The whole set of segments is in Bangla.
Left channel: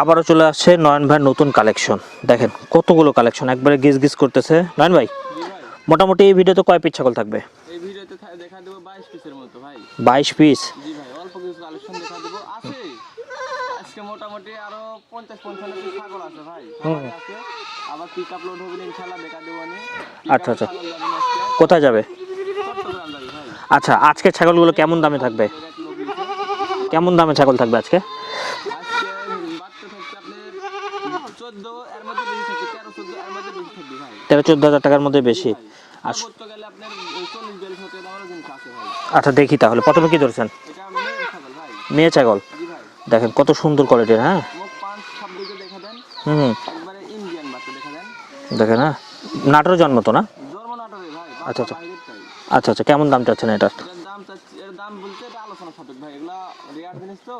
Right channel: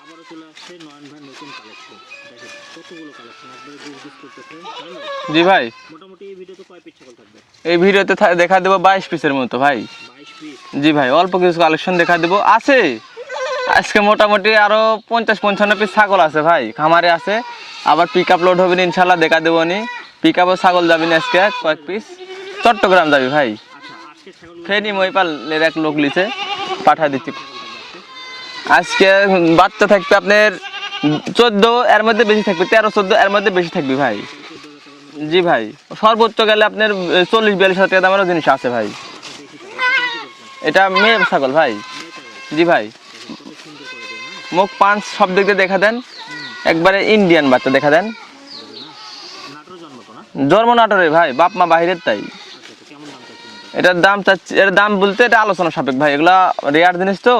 আবারও চলে আসছে নয়ন ভাই নতুন কালেকশন। দেখেন কতগুলো কালেকশন একবারে গিজ গিজ করতেছে। নয়ন ভাই, জি ভাই, মোটামুটি এই ভিডিওতে কয় পিস ছাগল থাকবে? এই ভিডিওতে দেখা দেবো 22 পিসের মতো ভাই। 22 পিস? জি ভাই, অল্প কিছু কালেকশন দেখা দেবো। আছে আজকে মোটামুটি আরো 50-55 পিস ছাগল আছে ভাই, খামারে আছে। আবার পিক আপ লোড হবে ইনশাল্লাহ, দেখা দেবো নি। পিক আপও ছাগল যাবি না আজকে। কোথায় যাবে? চট্টগ্রাম যাবি ভাই। আচ্ছা, আজকে ছাগলগুলো কেমন দামে থাকবে? এক লোক লিছে। কেমন দামে ছাগল থাকবে আজকে? আজকে বাচ্চা থাকবে আপনার 14 এর মধ্যে বেশি থাকবে, 13-14 এর মধ্যে বেশি থাকবে ভাই। 13-14 হাজার টাকার মধ্যে বেশি? জি ভাই, সর্বোচ্চ গেলে আপনার 40-42 হাজার টাকা দামেরও জিনিস আছে ভাই। আচ্ছা দেখি তাহলে, প্রথমে কি ধরছেন? এটা মেয়ে ছাগল ভাই। মেয়ে ছাগল? জি ভাই। দেখেন কত সুন্দর কোয়ালিটির। হ্যাঁ, মুখ পাঁচ সব দিক দিয়ে দেখা দেন। একবারে ইন্ডিয়ান বাচ্চা দেখা দেন। দেখেন হ্যাঁ, নাটোর জন্ম তো না? জন্ম নাটোরে ভাই, বাপ মা বাহিরের তাই। আচ্ছা আচ্ছা, কেমন দাম চাচ্ছেন এটা? এটার দাম চাচ্ছি, এর দাম বলতে এটা আলোচনা সাপেক্ষ ভাই। এগুলা রেয়ার জিনিস তো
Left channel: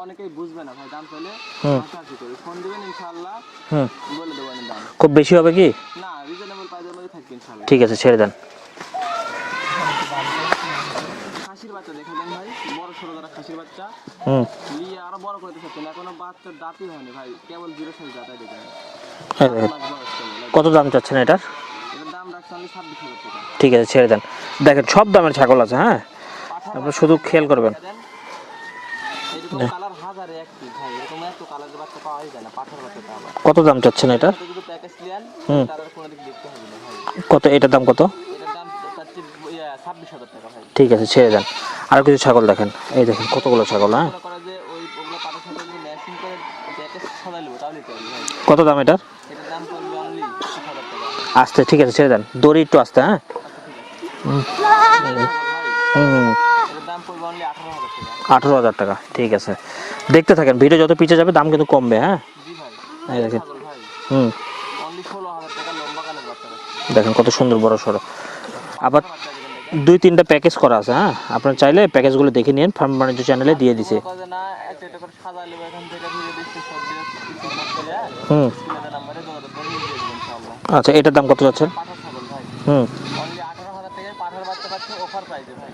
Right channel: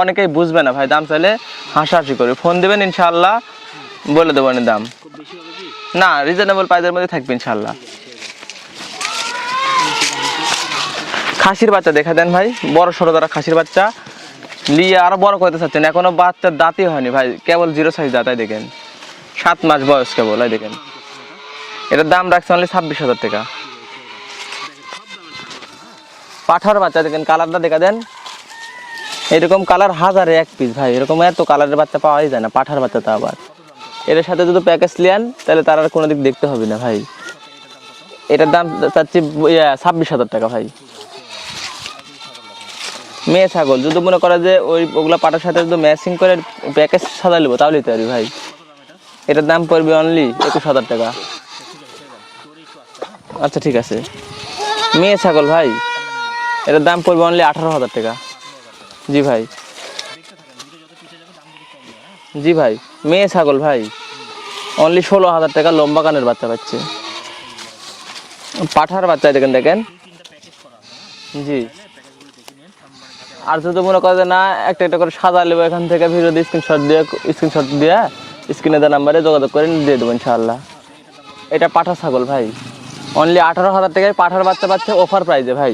অনেকেই বুঝবে না ভাই। দাম চাইলে হাসাহাসি করে ফোন দিবেন, ইনশাআল্লাহ বলে দেবো দাম। খুব বেশি হবে কি? না, রিজনেবল প্রাইসের মধ্যে থাকবে ইনশাআল্লাহ। ঠিক আছে, ছেড়ে দেন। খাসির বাচ্চা দেখা দেন ভাই, বড় সড়ো যারা খাসির বাচ্চা লিয়ে আরো বড় করতে চাচ্ছেন, এখনো বাচ্চার দাঁতই হয়নি ভাই, কেবল 0 সাইজ দাঁতাই দেখেন, 7 মাস বয়স কেবল। কত দাম চাচ্ছেন এটা? এটার দাম রাখছে অনলি 26,000 টাকা। ঠিক আছে, ছেড়ে দেন। দেখেন সব দামের ছাগল আছে। হ্যাঁ, পাঠার বাচ্চা দেখেন, কালারটা দেখা দেন। এরকম কালার হাজারে এক পিস ভাই, এরকম এত কালারের বাচ্চা পাওয়াই যায় না। পাঠার বাচ্চা তো আবার। কত দাম চাচ্ছেন এর এটা? সাথে যদি প্যাকেজ লিয়ান তাহলে তার আর কোনো দিক দেখতে হবে না ভাই। কত এটার দাম কত? এটার দাম চাচ্ছি 26,000 টাকা ভাই। ঠিক আছে, ছেড়ে দেন। আর কিছু ছাগল দেখেন, এই দেখেন মেয়ে ছাগল। যদি মনে করে যে ওগুলা পাঠার সাথে যদি ম্যাচিং করে প্যাকেজ সাজাই নেবো তাহলেই তো ভাই। কত দাম এটা? এটার দাম পড়বে অনলি 21,000 টাকা। আস্তে, ঠিক আছে ছেড়ে দেন, দড়ি একটু আস্তে। হ্যাঁ আচ্ছা ঠিক আছে। মেয়ে ছাগল ভাই, এটার দাম পড়বে অনলি 18,000 টাকা। 18,000 টাকা? জি ভাই। দেখতে থাকেন, ভিডিও যত পিছিয়ে যাবে দাম কিন্তু কমবে। হ্যাঁ জি ভাই, মেয়ে ছাগল ভাই, অনলি 16,000 টাকা লম্বা কানের বাচ্চা পাচ্ছে। দেখেন কত সুন্দর বড় সড়ো পাঠার বাচ্চা দেখেন। দেখেন 2-3টা প্যাকেজ করা আছে। হ্যাঁ, আপনারা চাইলে প্যাকেজগুলো দেখে নিন, ফার্ম বাণিজ্য চ্যানেলে দিয়ে দিন। মনে করে না একটা একটা করে সাজা নেবো, এখান থেকে ভিডিও দিয়ে স্ক্রিনশট দিয়ে স্ক্রিনে দেওয়া নাম্বারে যোগাযোগ করে দিয়ে দেবো ইনশাআল্লাহ। আচ্ছা, এটার দাম কত যাচ্ছে? এটা পাঠা ছাগল ভাই, অনলি 18,000 টাকায় পাঠার বাচ্চা পাচ্ছে অফার প্রাইসে ভাই,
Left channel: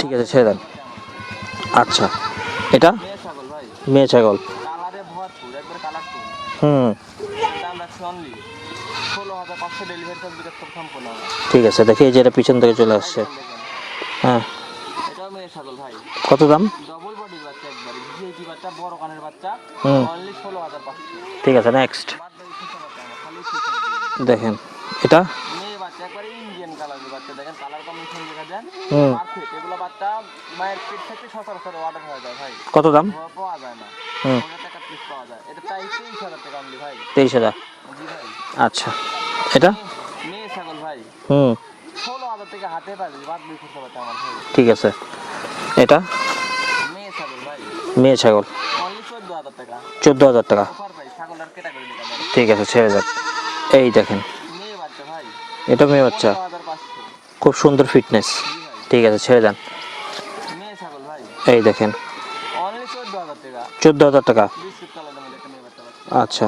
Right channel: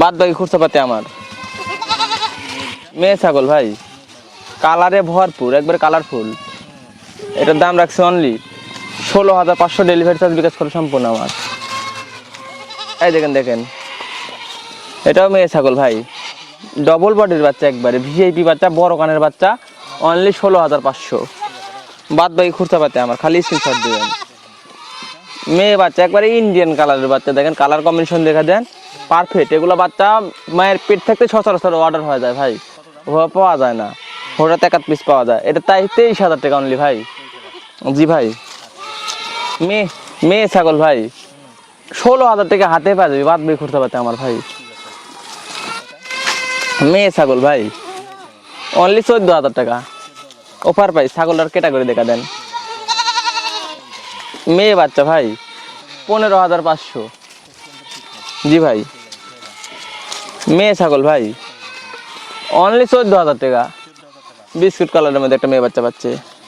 বাদ বাকি খরচা পাতে আমার। আচ্ছা, এটা মেয়ে ছাগল ভাই, মেয়ে ছাগল, কালারে ভরপুর, একবার কালারফুল। এটার দাম রাখছে অনলি 16,500, ডেলিভারি চার্জ বিকাশ করে সম্পূর্ণ আমার। ঠিক আছে, দেখি এই যে এটা পিছন থেকে চলে আসছে। এই দেখেন। হ্যাঁ, এটাও মেয়ে ছাগল ভাই। কত দাম? ডবল বডির বাচ্চা, একবারে ভিআইপি বাচ্চা, বড় কানের বাচ্চা, অনলি 16,500। ঠিক আছে, নেক্সট। বাদ বাকি খুঁজতে পাতে আমার, খালি স্ক্রিনশট দিবেন। দেখেন এটা মেয়ে বাচ্চা, একবারে ইন্ডিয়ান কালারের বাচ্চা। দেখেন কালার কম্বিনেশন দেখা দেন, পারফেক্ট। এগুলো বাচ্চা মায়ের পেট থেকে সচরাচর অর্ডার হয়ে যায় ভাই। কত দাম? পাওয়া যায় না, ওটা 1 পিস পাওয়া যায়। এটা তাই 23,000 টাকা অনলি ভাই। 23,000? জি ভাই। আচ্ছা, এটা মেয়ে ছাগল ভাই, 16,000 টাকা হাতে পাওয়া যাবে, বাদ বাকি খুঁজতে পাতে আমার ভাই। ঠিক আছে, এটা মেয়ে ছাগল ভাই, মেয়ে ছাগল, অনলি 14,000 টাকা। 14,000 টাকা অফার প্রাইস। ছাগলটার ক্যাটাগরি দেখা দেন। ঠিক আছে, ছেড়ে দেন। এই দেখেন মেয়ে বাচ্চা ভাই, এটা মেয়ে বাচ্চা, 15,500। খুব সুন্দর ফিটনেস। জি ভাই। ঠিক আছে, ছেড়ে দেন। মেয়ে ছাগল ভাই, এই দেখেন অনলি 14,000 টাকা। 14,000 টাকা? বিস্কুট কালারের মধ্যে একটা মেয়ে বাচ্চা পাচ্ছে। আচ্ছা,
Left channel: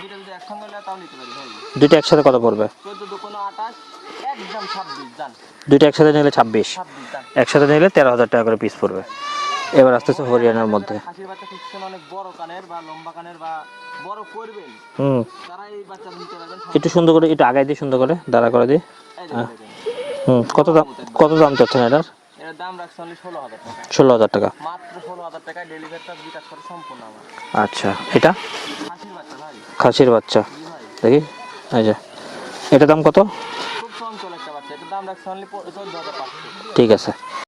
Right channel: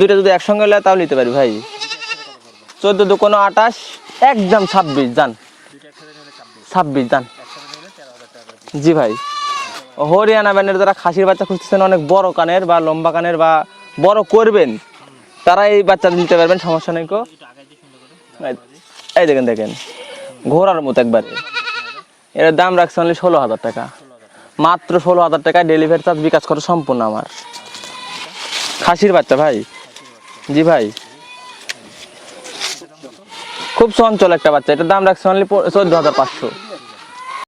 দুইটা যদি একসঙ্গে হলে তাও নিতে পারি ভাই। দুইটা একসাথে কত পড়বে? 14 দুকোনো 28, একদম 26 জান। দুইটা একসাথে নিলে 26 জান। একসাথে নিলে 13,000 টাকা করে পিস। জি ভাই। এবার হরিয়ানা ব্যান্ডের যারা খাসির বাচ্চা খুঁজতেছেন, অনেক বড় কানের বা লম্বা কানের বা বড় করবেন, তারা এই বাচ্চা নিতে পারবেন। সমস্যা সুন্দর করে একটু আগাই দিয়ে, সুন্দর করে দাঁড়া করে দিয়ে। এই দেখেন ঘোড়ার মতো একবার। কত দাম চাচ্ছেন এটার? এর দাম রাখছে অনলি 16,000 টাকা। 16,000 টাকা? মাত্র 16,000 টাকা, ডেলিভারি চার্জ বিকাশ করে সম্পূর্ণ আমার। আচ্ছা, এটা খাসির বাচ্চা ভাই। খাসির বাচ্চা? জি ভাই। দেখি, এই যে এটার দাম কত? খুব চঞ্চল একটা বাচ্চা, এটার দাম রাখছে অনলি 14,500। ঠিক আছে।